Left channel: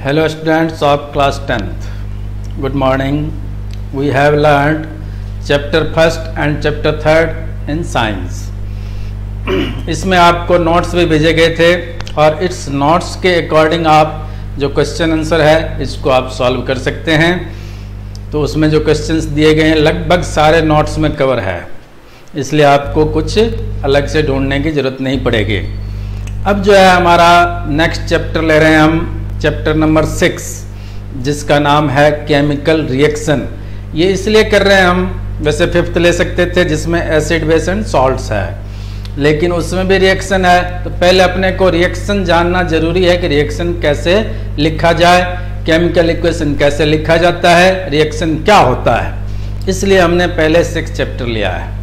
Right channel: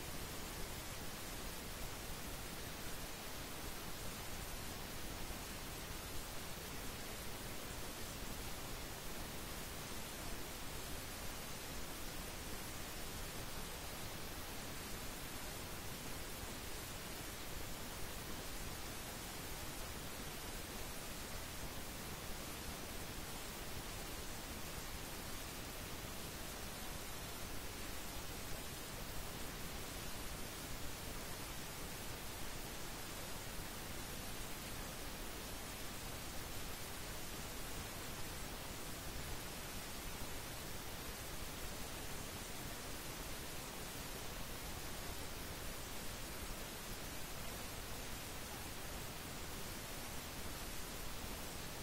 Hello students of class 10th. Good morning. We have learned chapter 1st and chapter 3rd in science. इसमें आपको notes भी भेजे गए थे और इस नोट्स के अकॉर्डिंग आप जो क्वेश्चन आंसर है इसको आप सॉल्व कर सकते हैं। तो उसमें जो क्वेश्चंस दिए गए हैं लगभग सारे नोट्स में कवर है, इसलिए आपको कुछ अलग से ढूंढने की ज़रूरत नहीं पड़ेगी। अब जो है हमारा नेक्स्ट चैप्टर ले रहे हैं हम, चैप्टर नंबर 6, जिसका नाम है केमिकल रिएक्शन। ये इसलिए कर रहे हैं हम, वैसे 5th ले सकते थे जिसमें एसिड बेस एंड सॉल्ट्स है, लेकिन उसमें भी रिएक्शन है। तो पहले अपने को रिएक्शन जानना जरूरी है कि रिएक्शन कैसे लिखा जाए, केमिकल इक्वेशन कैसे लिखा जाता है, रिएक्शन क्या होता है। इसलिए हमने पहले 6 चैप्टर लिया है।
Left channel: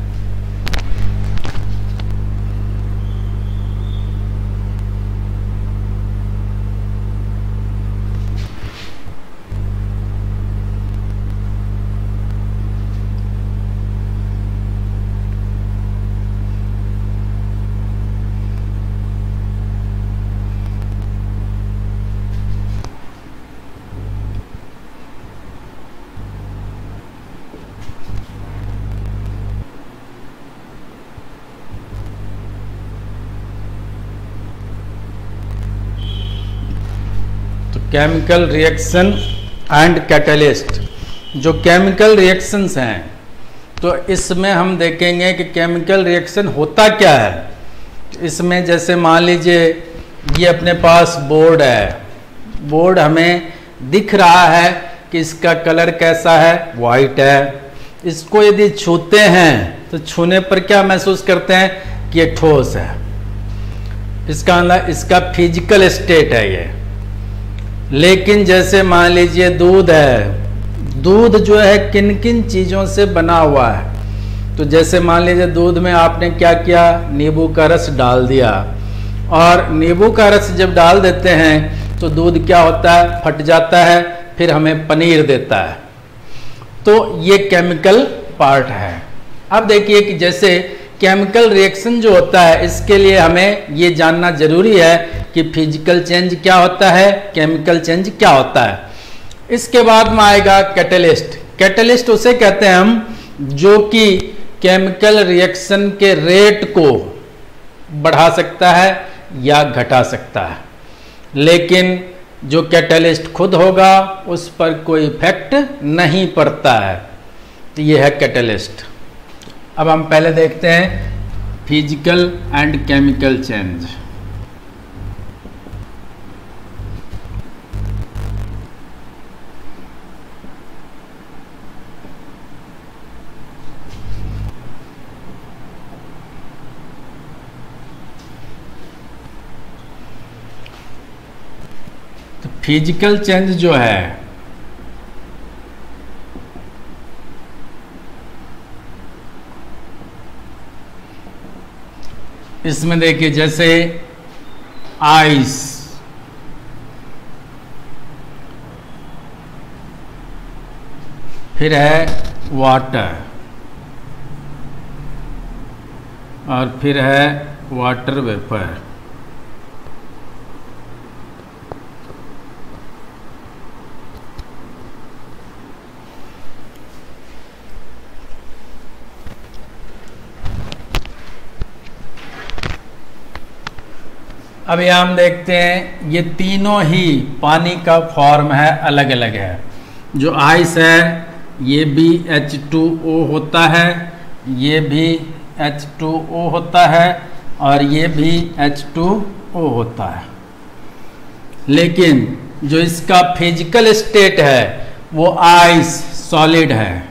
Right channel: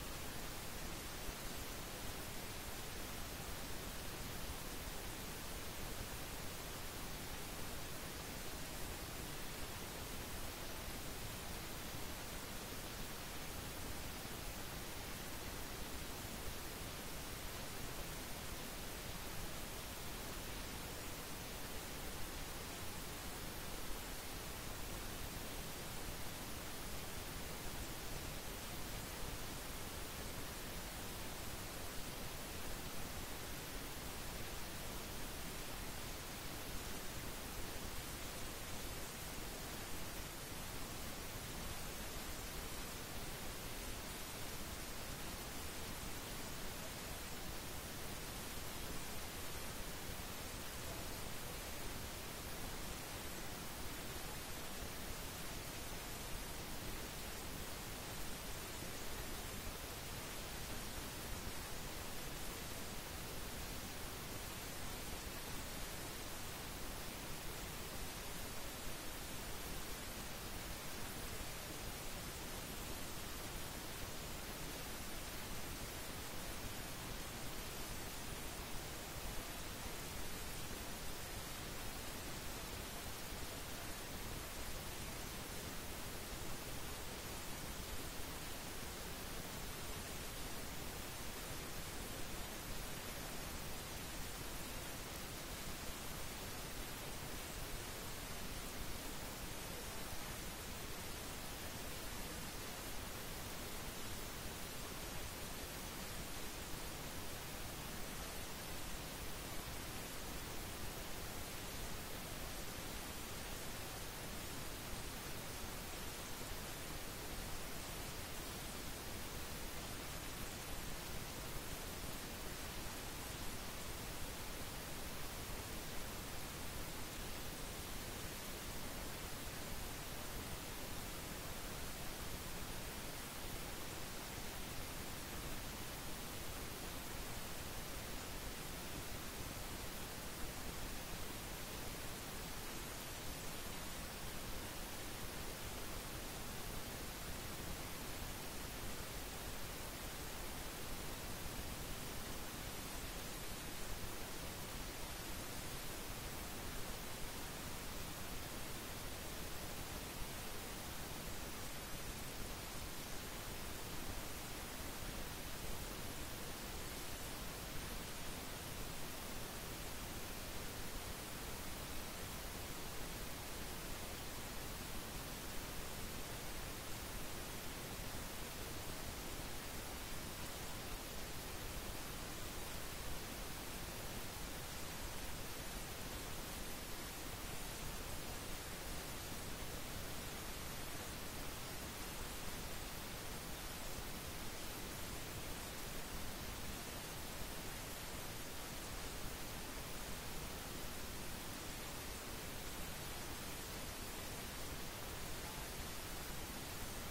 Chemical reaction and catalyst. जो केमिकल रिएक्शंस हैं तो इसमें हम देखेंगे कि केमिकल रिएक्शन होता क्या है। इसमें जैसे मान लीजिए ये अपने पास बोर्ड है, बोर्ड हमें दिख रहा है कि इसका कलर कैसा है, वाइट है। इसको यदि छूते हैं तो छूने पर क्या महसूस करते हैं कि ये ठोस है। इसका मतलब इसका फिजिकल स्टेट है ये। लेकिन जैसे मान लीजिए दूध है, दूध जो है किन किन चीज़ों से बना हुआ है। तो जैसे मान लीजिए दूध में आपने क्या किया, नींबू का रस डाल दिया, और नींबू का रस जब डाल देते हैं तो दूध क्या होता है, फट जाता है, फिर हमें पनीर देता है। तो ये केमिकल पार्ट है। अब देखिए कि जैसे केमिकल रिएक्शन जो होता है इसके लिए हमें ये जानना जरूरी है कि फिजिकल चेंज क्या होता है, केमिकल चेंज क्या होता है। इसके बाद में आएगा कैटलिस्ट। कैटलिस्ट उसे कहते हैं हम जो कि केमिकल रिएक्शन के रेट को बढ़ा सकता है या घटा सकता है, लेकिन जो कैटलिस्ट खुद होगा उस पर कोई इफेक्ट नहीं पड़ता है। तो ये है कैटलिस्ट। अब हम पहले देखते हैं फिजिकल एंड केमिकल चेंज। तो फिजिकल चेंज जो है इसमें देखिए जैसे आइस, फिर है वाटर, और फिर है वाटर वेपर। अभी हम देखते हैं ये तीनों ही पानी का फॉर्म है, अलग अलग है। जो आइस है ये भी H2O होता है, ये भी H2O होता है, और ये भी H2O होता है। लेकिन जो इसका फिजिकल स्टेट है वो आइस सॉलिड है,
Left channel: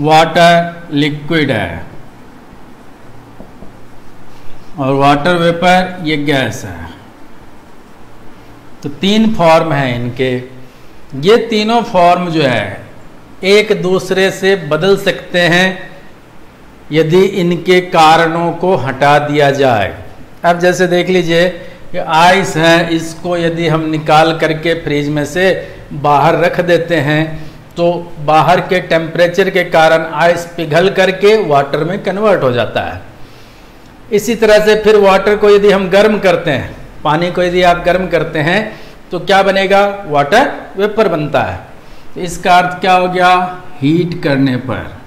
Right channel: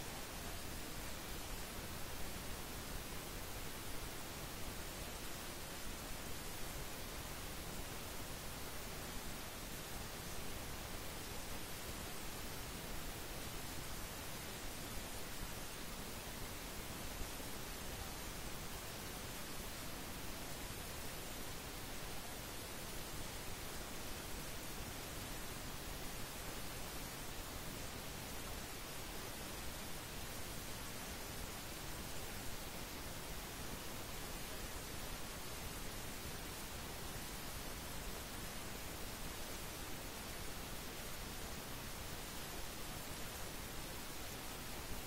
वाटर लिक्विड है, और वाटर वेपर ये गैस है। तो 3 फॉर्म हैं इनके। ये तीनों फॉर्म जो है एक दूसरे से बदल सकते हैं यदि इनके कारणों को हटा दिया जाए। अब जैसे देख लीजिए कि आइस है, इसको यदि हम निकाल करके फ्रिज में से बाहर रख देते हैं तो बाहर के टेम्परेचर के कारण आइस पिघल करके वाटर में कन्वर्ट हो जाता है। इसी तरह से फिर वाटर को यदि हम गर्म करते हैं पानी को यदि आप गर्म करते हैं तो क्या बनेगा, वाटर वेपर बनता है। तो इसका अर्थ क्या हो गया, हीट करने पर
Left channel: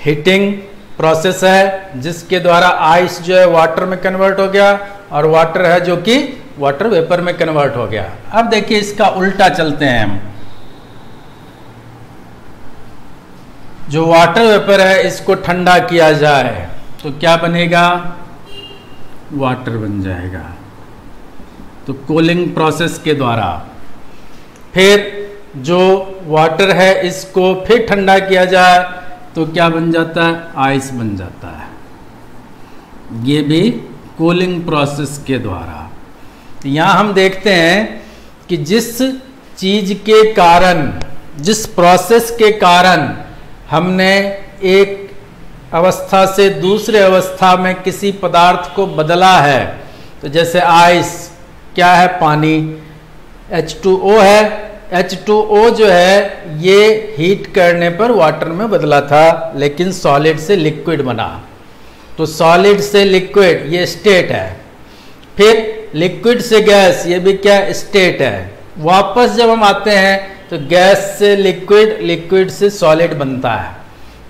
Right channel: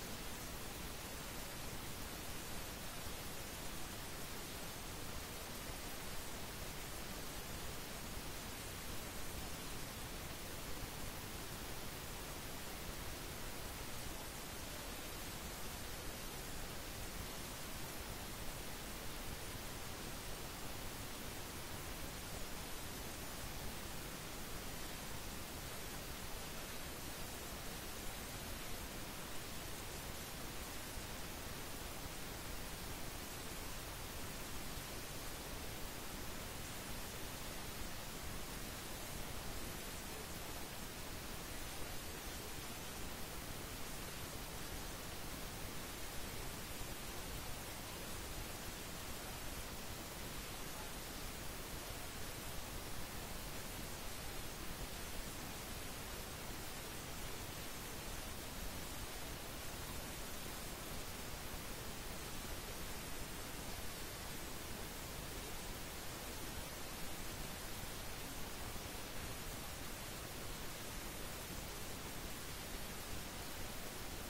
हीटिंग प्रोसेस है जिसके द्वारा आइस जो है वाटर में कन्वर्ट हो गया और वाटर है जो कि वाटर वेपर में कन्वर्ट हो गया। अब देखिए इसका उल्टा चलते हैं हम, जो वाटर वेपर है इसको ठंडा किया जाए तो क्या बनेगा, वाटर बन जाएगा। तो कूलिंग प्रोसेस के द्वारा फिर जो वाटर है इसको फिर ठंडा किया जाए तो क्या बन जाता है, आइस बन जाता है। ये भी कूलिंग प्रोसेस के द्वारा। तो यहाँ हम देखते हैं कि जिस चीज के कारण, जिस प्रोसेस के कारण हमने एक अवस्था से दूसरे अवस्था में किसी पदार्थ को बदला है, तो जैसे आइस क्या है, पानी, H2O है। H2O जो है ये हीट करने पर वाटर में बदला था लेकिन सॉलिड से लिक्विड बना। तो सॉलिड से लिक्विड ये स्टेट है, फिर लिक्विड से गैस ये भी क्या, स्टेट है। वापस जब हम आते हैं तो गैस से लिक्विड, लिक्विड से सॉलिड बनता है।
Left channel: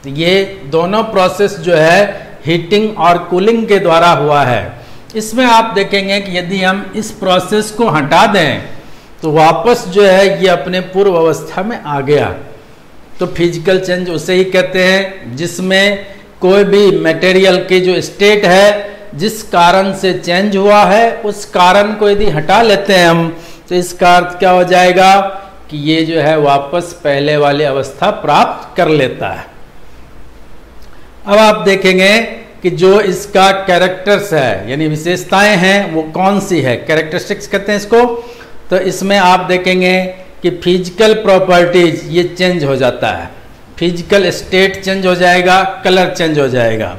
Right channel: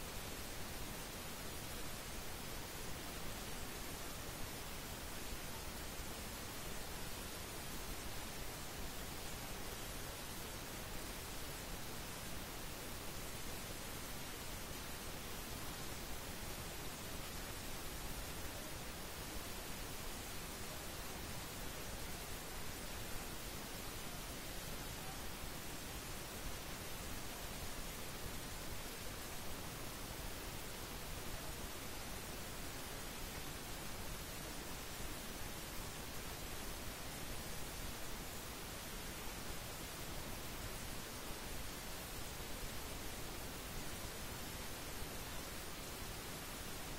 तो ये दोनों प्रोसेस जो है हीटिंग और कूलिंग के द्वारा हुआ है। इसमें आप देखेंगे कि यदि हम इस प्रोसेस को हटा दें तो वापस जो है ये अपने पूर्व अवस्था में आ गया। तो फिजिकल चेंज उसे ही कहते हैं जिसमें कोई भी मटेरियल की जो स्टेट है, जिस कारण से चेंज हुआ है, उस कारण को यदि हटा लेते हैं हम तो इसका अर्थ क्या हो जाएगा कि ये जो है वापस पहले वाली अवस्था प्राप्त कर लेता है। अब आप देखेंगे कि जो इसका कैरेक्टर्स है यानी विशेषताएं हैं वो कौन सी है, कैरेक्टरिस्टिक्स कहते हैं इसको। तो इसमें आप देखेंगे कि फिजिकल प्रॉपर्टीज ये चेंज हो जाता है, फिजिकल स्टेट चेंज हो जाएगा, कलर चेंज हो जाएगा।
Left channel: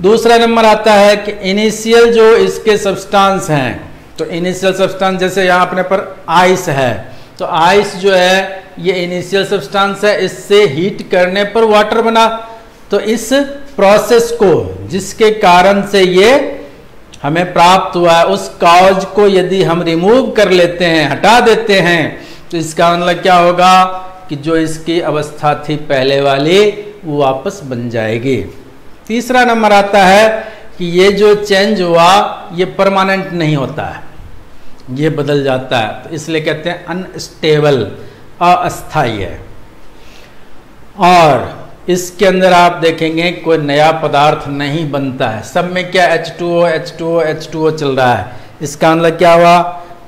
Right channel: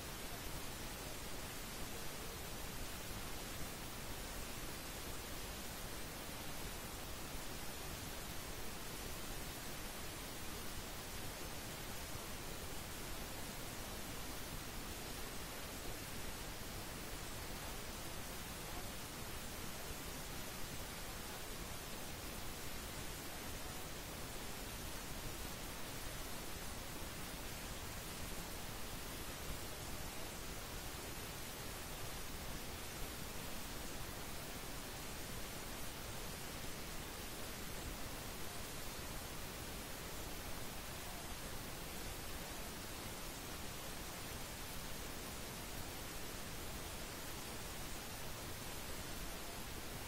दूसरा नंबर आता है कि इनिशियल जो इसके सब्सटेंस हैं, तो इनिशियल सब्सटेंस जैसे यहाँ अपने पर आइस है, तो आइस जो है ये इनिशियल सब्सटेंस है, इससे हीट करने पर वाटर बना। तो इस प्रोसेस को जिसके कारण से ये हमें प्राप्त हुआ है, उस कॉज को यदि हम रिमूव कर लेते हैं, हटा देते हैं, तो इसका मतलब क्या होगा कि जो इसकी अवस्था थी पहले वाली वो वापस बन जाएगी। तीसरा नंबर आता है कि ये जो चेंज हुआ ये परमानेंट नहीं होता है, ये बदल जाता है। तो इसलिए कहते हैं अनस्टेबल, अस्थायी है। और इसके अंदर आप देखेंगे कोई नया पदार्थ नहीं बनता है, सब में क्या H2O H2O H2O चल रहा है। इसका मतलब क्या हुआ,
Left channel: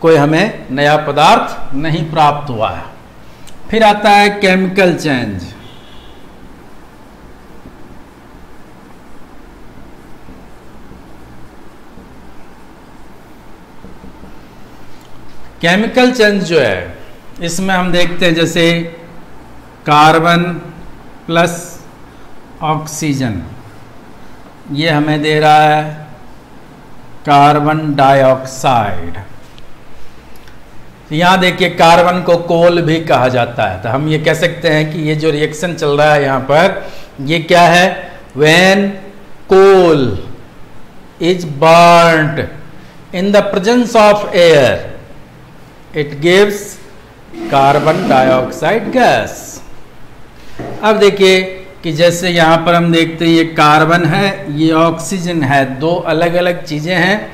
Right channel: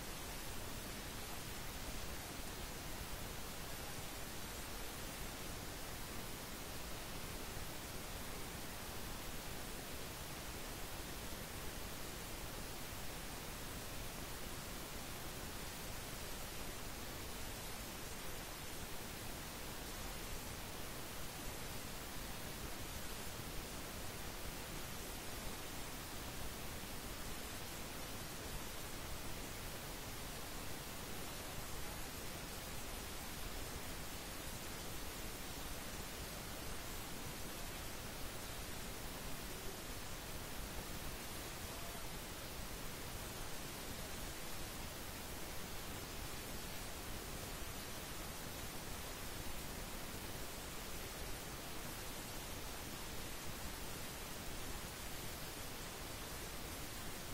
कोई हमें नया पदार्थ नहीं प्राप्त हुआ है। फिर आता है केमिकल चेंज। केमिकल चेंज जो है इसमें हम देखते हैं जैसे कार्बन प्लस ऑक्सीजन, ये हमें दे रहा है कार्बन डाइऑक्साइड। यहाँ देखिए कार्बन को कोल भी कहा जाता है। तो हम ये कह सकते हैं कि ये जो रिएक्शन चल रहा है यहाँ पर ये क्या है, when coal is burned in the presence of air it gives carbon dioxide gas. अब देखिए कि जैसे यहाँ पर हम देखते हैं ये कार्बन है, ये ऑक्सीजन है, दो अलग अलग चीज़ें हैं।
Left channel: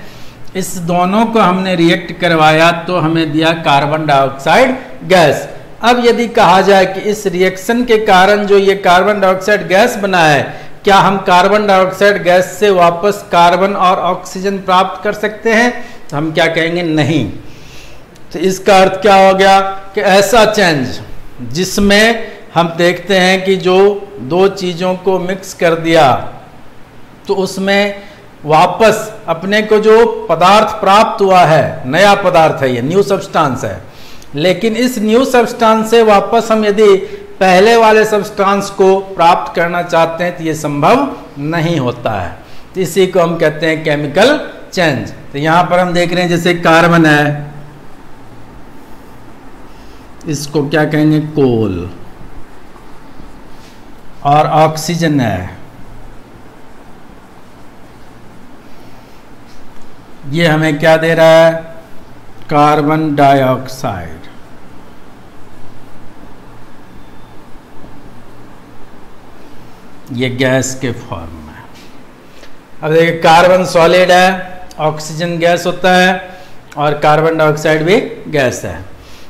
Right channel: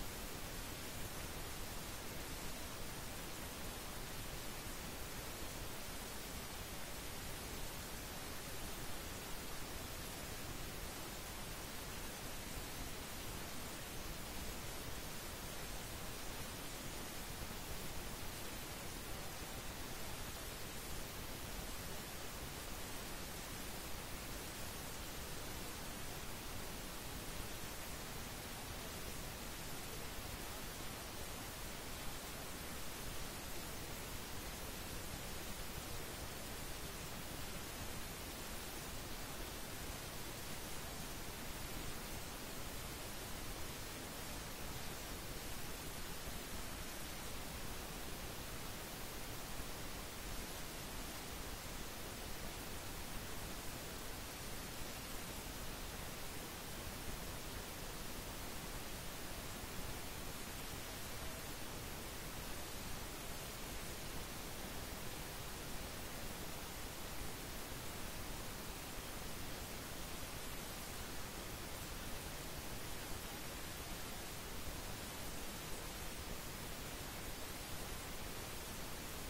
इस दोनों को हमने रिएक्ट करवाया तो हमें दिया कार्बन डाइऑक्साइड गैस। अब यदि कहा जाए कि इस रिएक्शन के कारण जो ये कार्बन डाइऑक्साइड गैस बना है, क्या हम कार्बन डाइऑक्साइड गैस से वापस कार्बन और ऑक्सीजन प्राप्त कर सकते हैं? तो हम क्या कहेंगे, नहीं। तो इसका अर्थ क्या हो गया कि ऐसा चेंज जिसमें हम देखते हैं कि जो दो चीज़ों को मिक्स कर दिया तो उसमें वापस अपने को जो पदार्थ प्राप्त हुआ है, नया पदार्थ है, ये न्यू सब्सटेंस है, लेकिन इस न्यू सब्सटेंस से वापस हम यदि पहले वाले सब्सटेंस को प्राप्त करना चाहते हैं तो ये संभव नहीं होता है। तो इसी को हम कहते हैं केमिकल चेंज। तो यहाँ पर हम देख रहे हैं जैसे कार्बन है, इसको क्या कहेंगे, कोल, और ऑक्सीजन है, ये हमें क्या दे रहा है, कार्बन डाइऑक्साइड। ये गैस के फॉर्म में। अब देखिए कार्बन सॉलिड है, ऑक्सीजन गैस होता है, और कार्बन डाइऑक्साइड भी गैस है।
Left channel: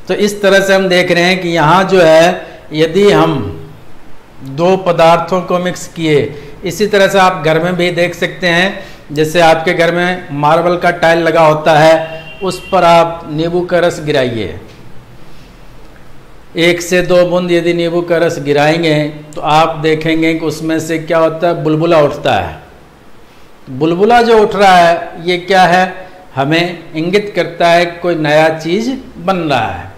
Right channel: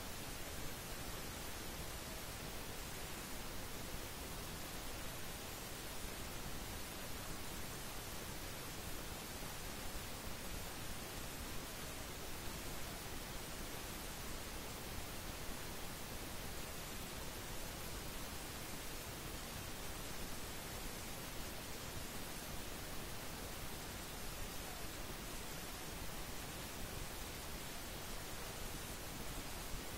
तो इस तरह से हम देख रहे हैं कि यहाँ जो है, यदि हम दो पदार्थों को मिक्स किए, इसी तरह से आप घर में भी देख सकते हैं, जैसे आपके घर में मार्बल का टाइल लगा होता है, उस पर आप नींबू का रस गिराइए, 1 से 2 बूंद यदि नींबू का रस गिराएंगे तो आप देखेंगे कि उसमें से क्या होता है, बुलबुला उठता है। बुलबुला जो उठ रहा है ये क्या है, हमें इंगित करता है कोई नया चीज बन रहा है।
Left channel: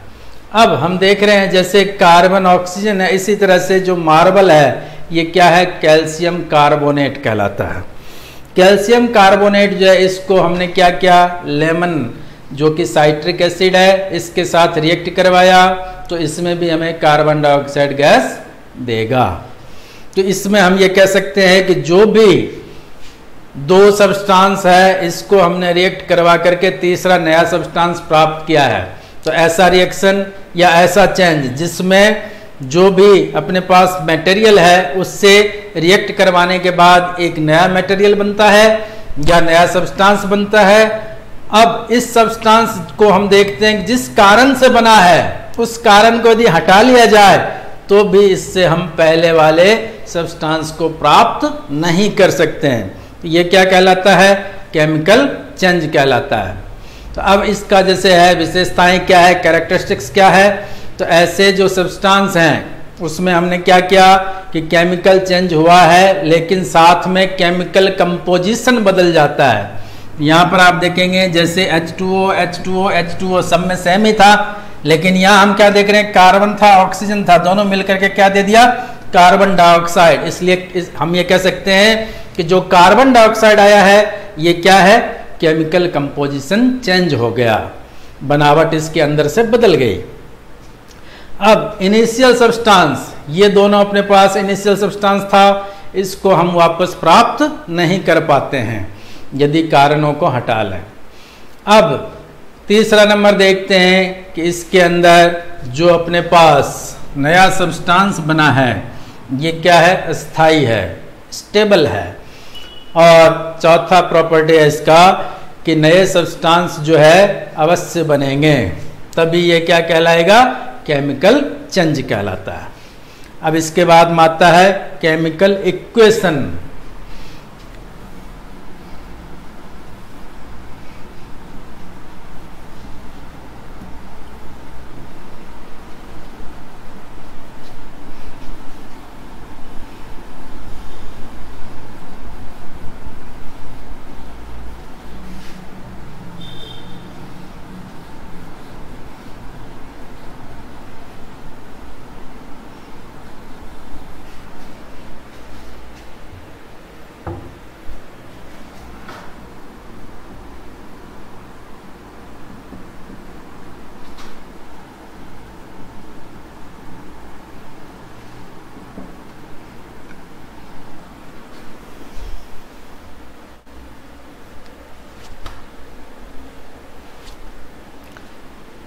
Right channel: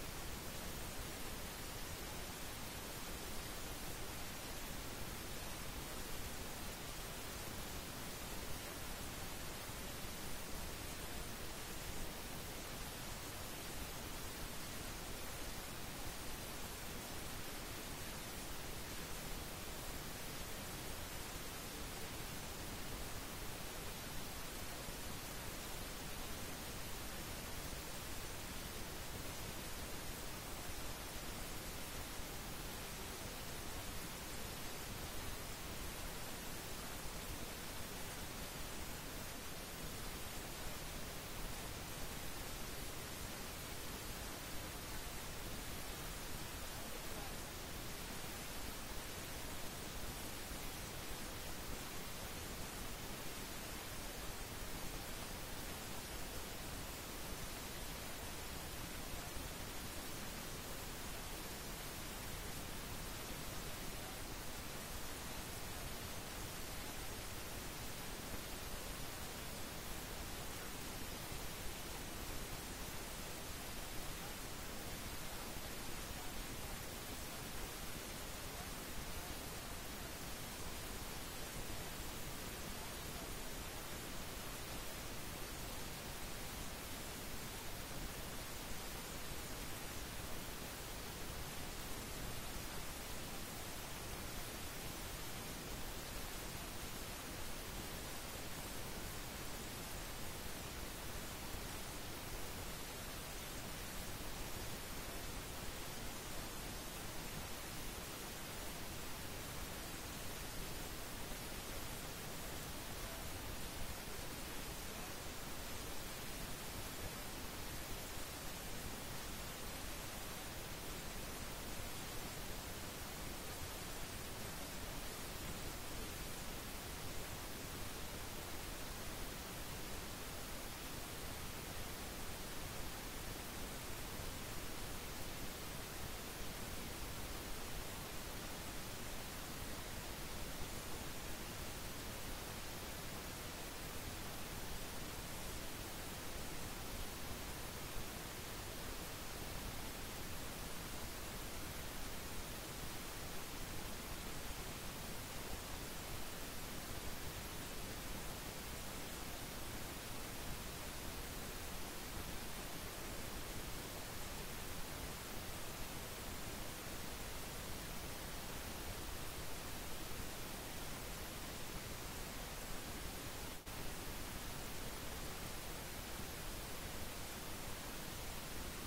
अब हम देख रहे हैं जैसे कार्बन ऑक्सीजन है, इसी तरह से जो मार्बल है ये क्या है, कैल्शियम कार्बोनेट कहलाता है। कैल्शियम कार्बोनेट जो है, इसको हमने क्या किया, लेमन जो कि साइट्रिक एसिड है, इसके साथ रिएक्ट करवाया, तो इसमें भी हमें कार्बन डाइऑक्साइड गैस देगा। तो इसमें हम ये कह सकते हैं कि जो भी दो सब्सटेंस है, इसको हमने रिएक्ट करवा करके तीसरा नया सब्सटेंस प्राप्त किया है। तो ऐसा रिएक्शन या ऐसा चेंज जिसमें जो भी अपने पास मटेरियल है उससे रिएक्ट करवाने के बाद एक नया मटेरियल बनता है या नया सब्सटेंस बनता है। अब इस सब्सटेंस को हम देखते हैं जिस कारण से बना है, उस कारण को यदि हटा लिया जाए तो भी इससे हम पहले वाले सब्सटेंस को प्राप्त नहीं कर सकते हैं। तो ये क्या कहलाता है, केमिकल चेंज कहलाता है। तो अब इसका जैसे है विशेषताएं क्या है, कैरेक्टरिस्टिक्स क्या है, तो ऐसे जो सब्सटेंस हैं उसमें हमने क्या किया कि केमिकल चेंज हुआ है, लेकिन साथ में केमिकल कंपोजिशन बदल जाता है। यहाँ पर आप देखेंगे जैसे H2O, H2O, H2O सब में सेम ही था, लेकिन यहाँ हम क्या देख रहे हैं, कार्बन था, ऑक्सीजन था, दोनों मिलकर के क्या दे दिया, कार्बन डाइऑक्साइड। इसलिए हम ये कह सकते हैं कि जो कार्बन डाइऑक्साइड आया है ये क्या है, केमिकल कंपोजिशन चेंज हो गया, बनावट इसके अंदर से बदल गई। अब इनिशियल सब्सटेंस, ये दोनों अपने पास इनिशियल सब्सटेंस था, इसको हम वापस प्राप्त नहीं कर पाते हैं यदि कारणों को हटा लें। अब तीसरा नंबर देखते हैं कि इसके अंदर जो अपने पास नया सब्सटेंस बना है ये क्या है, अस्थाई है, स्टेबल है। और चौथा प्रॉपर्टी है इसका कि नए सब्सटेंस जो है अवश्य बनेंगे, तभी ये क्या कहलाएगा, केमिकल चेंज कहलाता है। अब इसके बाद आता है केमिकल इक्वेशन।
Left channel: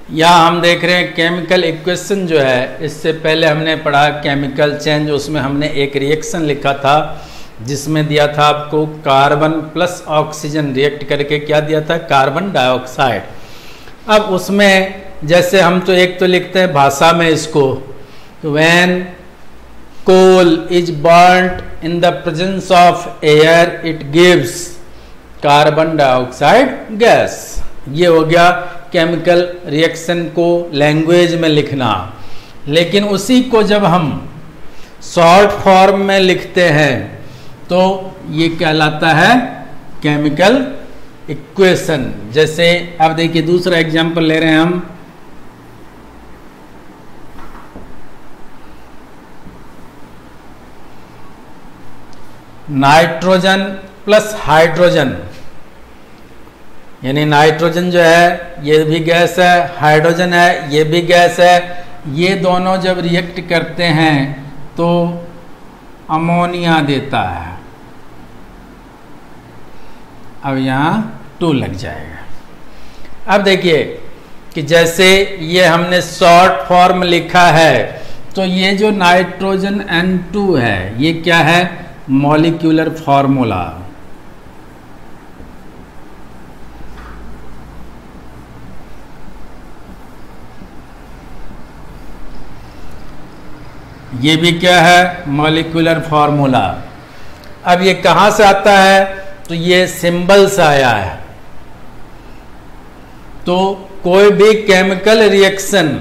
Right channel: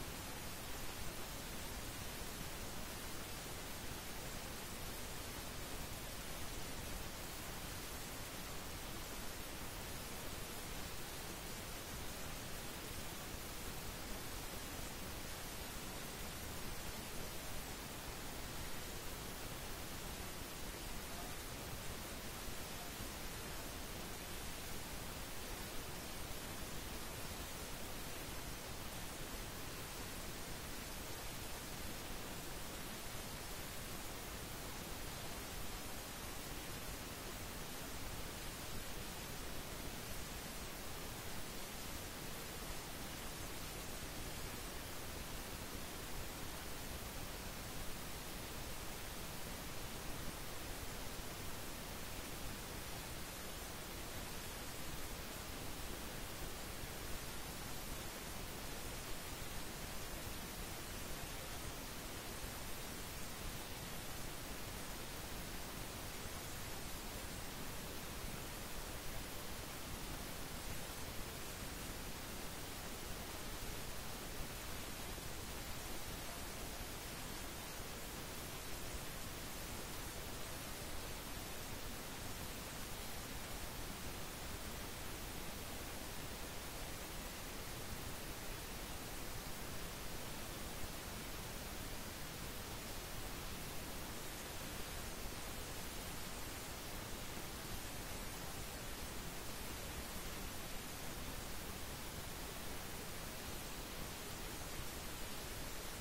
यहाँ हम देख रहे हैं केमिकल इक्वेशन जो है, इससे पहले हमने पढ़ा केमिकल चेंज, उसमें हमने एक रिएक्शन लिखा था जिसमें दिया था आपको कार्बन प्लस ऑक्सीजन रिएक्ट करके क्या दिया था, कार्बन डाइऑक्साइड। अब उसमें जैसे हम तो एक तो लिखते हैं भाषा में इसको, when coal is burned in the presence of air it gives carbon dioxide gas. ये हो गया केमिकल रिएक्शन को लैंग्वेज में लिखना। लेकिन उसी को जब हम शॉर्ट फॉर्म में लिखते हैं तो ये कहलाता है केमिकल इक्वेशन। जैसे अब देखिए दूसरा एग्जांपल ले रहे हैं हम, नाइट्रोजन प्लस हाइड्रोजन, यानी नाइट्रोजन जो है ये भी गैस है, हाइड्रोजन है ये भी गैस है, ये दोनों जब रिएक्ट करते हैं तो अमोनिया देता है। अब यहाँ 2 लग जाएगा। अब देखिए कि जैसे ये हमने शॉर्ट फॉर्म लिखा है, तो ये जो नाइट्रोजन N2 है ये क्या है, मॉलिक्यूलर फॉर्मूला। ये भी क्या है, मॉलिक्यूलर फॉर्मूला। अब ये कहाँ से आता है, तो ये सिंबल से आया है। तो कोई भी केमिकल रिएक्शन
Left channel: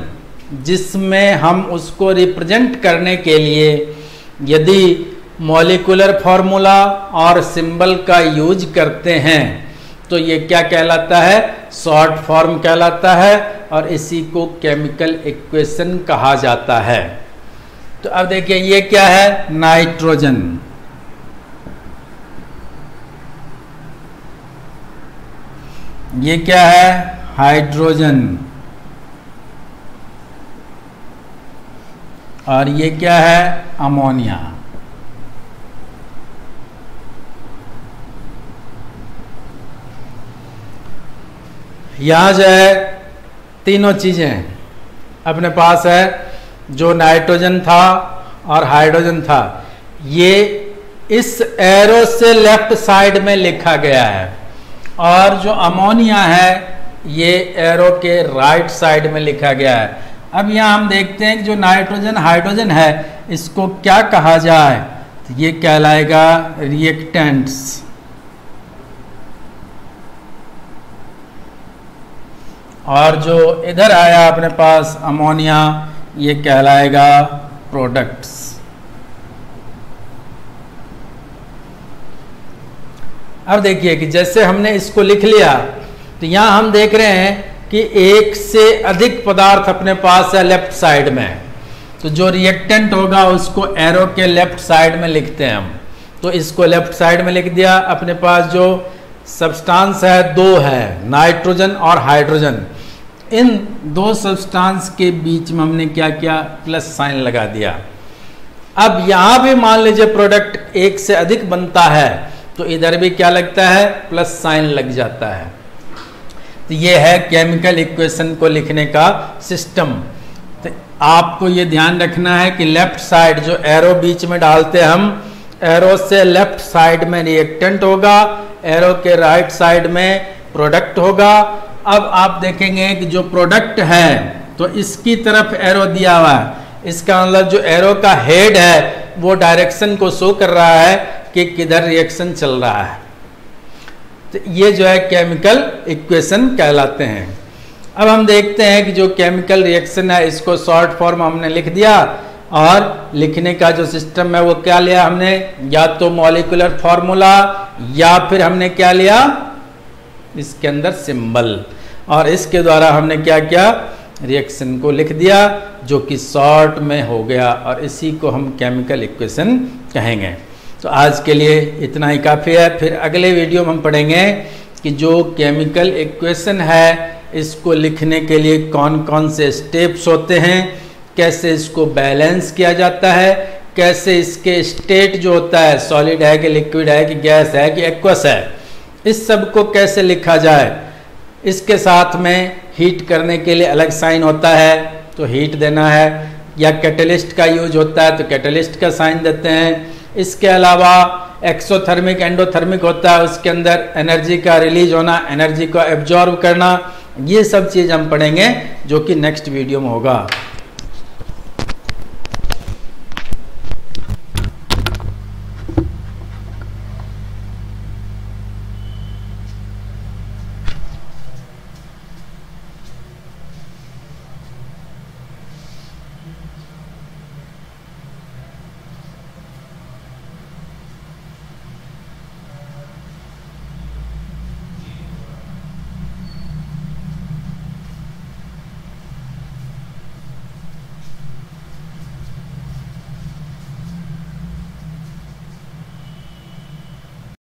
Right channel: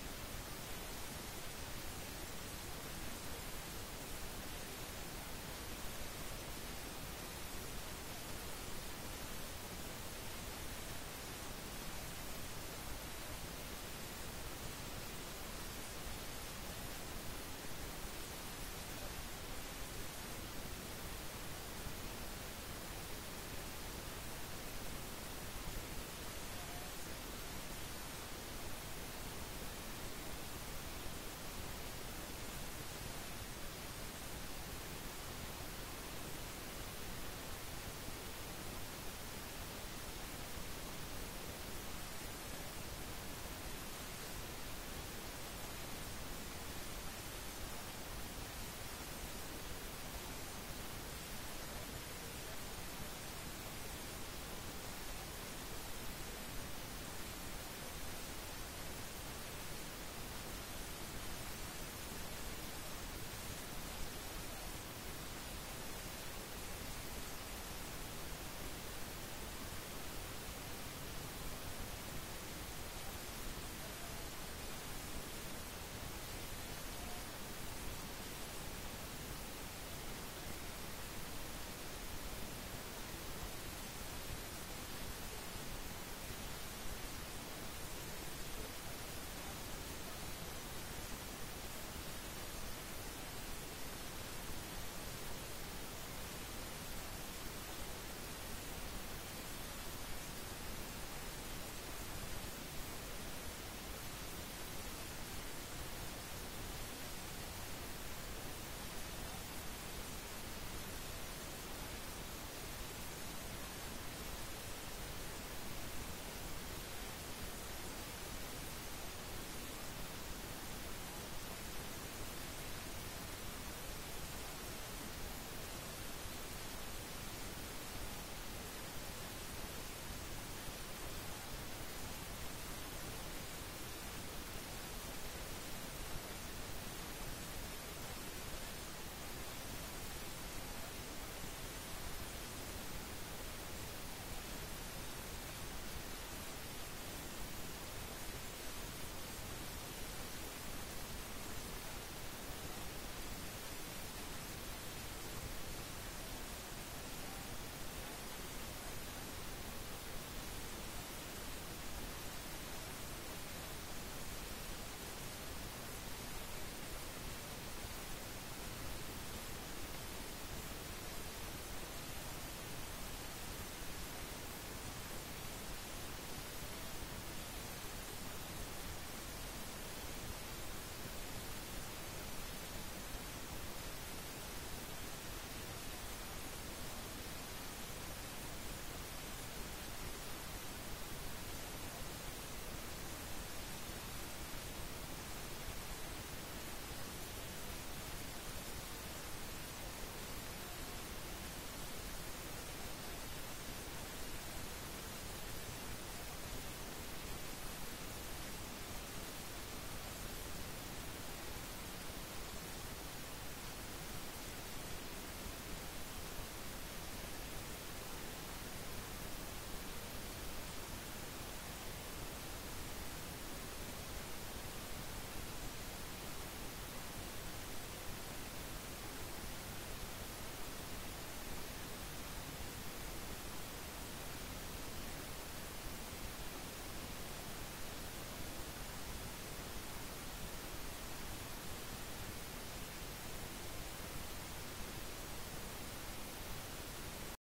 जिसमें हम उसको रिप्रेजेंट करने के लिए यदि मॉलिक्यूलर फॉर्मूला और सिंबल का यूज करते हैं तो ये क्या कहलाता है, शॉर्ट फॉर्म कहलाता है, और इसी को केमिकल इक्वेशन कहा जाता है। तो अब देखिए ये क्या है, नाइट्रोजन, ये क्या है, हाइड्रोजन, और ये क्या है, अमोनिया। यहां जो है तीनों चीजें अपने पास है, जो नाइट्रोजन था और हाइड्रोजन था, ये इस एरो से लेफ्ट साइड में लिखा गया है, और जो अमोनिया है ये एरो के राइट साइड में लिखा गया है। अब यहाँ हम देखते हैं कि जो नाइट्रोजन हाइड्रोजन है इसको क्या कहा जाए, तो ये कहलाएगा रिएक्टेंट्स, और जो इधर आया अपने पास अमोनिया ये कहलाएगा प्रोडक्ट्स। अब देखिए कि जैसे हमने इसको लिख लिया, तो यहां हम देख रहे हैं कि एक से अधिक पदार्थ अपने पास है लेफ्ट साइड में, तो जो रिएक्टेंट होगा उसको एरो के लेफ्ट साइड में लिखते हैं हम। तो इसको लेफ्ट साइड में लिख दिया। अपने पास जो सब्सटेंस है 2 है, नाइट्रोजन और हाइड्रोजन। इन 2 सब्सटेंस के बीच में हमने क्या किया, प्लस साइन लगा दिया। अब यहां भी मान लीजिए प्रोडक्ट 1 से अधिक बनता है तो इधर भी क्या लगता है, प्लस साइन लग जाता है। तो ये है केमिकल इक्वेशन को लिखने का सिस्टम। तो आपको ये ध्यान रखना है कि लेफ्ट साइड जो एरो बीच में डालते हैं हम, एरो से लेफ्ट साइड में रिएक्टेंट होगा, एरो के राइट साइड में प्रोडक्ट होगा। अब आप देखेंगे कि जो प्रोडक्ट है तो इसकी तरफ एरो दिया हुआ है, इसका मतलब जो एरो का हेड है वो डायरेक्शन को शो कर रहा है कि किधर रिएक्शन चल रहा है। तो ये जो है केमिकल इक्वेशन कहलाते हैं। अब हम देखते हैं कि जो केमिकल रिएक्शन है इसको शॉर्ट फॉर्म हमने लिख दिया, और लिखने का जो सिस्टम है वो क्या लिया हमने, या तो मॉलिक्यूलर फॉर्मूला या फिर हमने क्या लिया, इसके अंदर सिंबल, और इसके द्वारा हमने क्या किया, रिएक्शन को लिख दिया जो कि शॉर्ट में हो गया, और इसी को हम केमिकल इक्वेशन कहेंगे। तो आज के लिए इतना ही काफ़ी है। फिर अगले वीडियो में हम पढ़ेंगे कि जो केमिकल इक्वेशन है इसको लिखने के लिए कौन कौन से स्टेप्स होते हैं, कैसे इसको बैलेंस किया जाता है, कैसे इसके स्टेट जो होता है, सॉलिड है कि लिक्विड है कि गैस है कि एक्वस है, इस सब को कैसे लिखा जाए। इसके साथ में हीट करने के लिए अलग साइन होता है तो हीट देना है, या कैटलिस्ट का यूज होता है तो कैटलिस्ट का साइन देते हैं। इसके अलावा एक्सोथर्मिक एंडोथर्मिक होता है, उसके अंदर एनर्जी का रिलीज होना, एनर्जी को एब्जॉर्ब करना, ये सब चीज़ हम पढ़ेंगे जो कि नेक्स्ट वीडियो में होगा।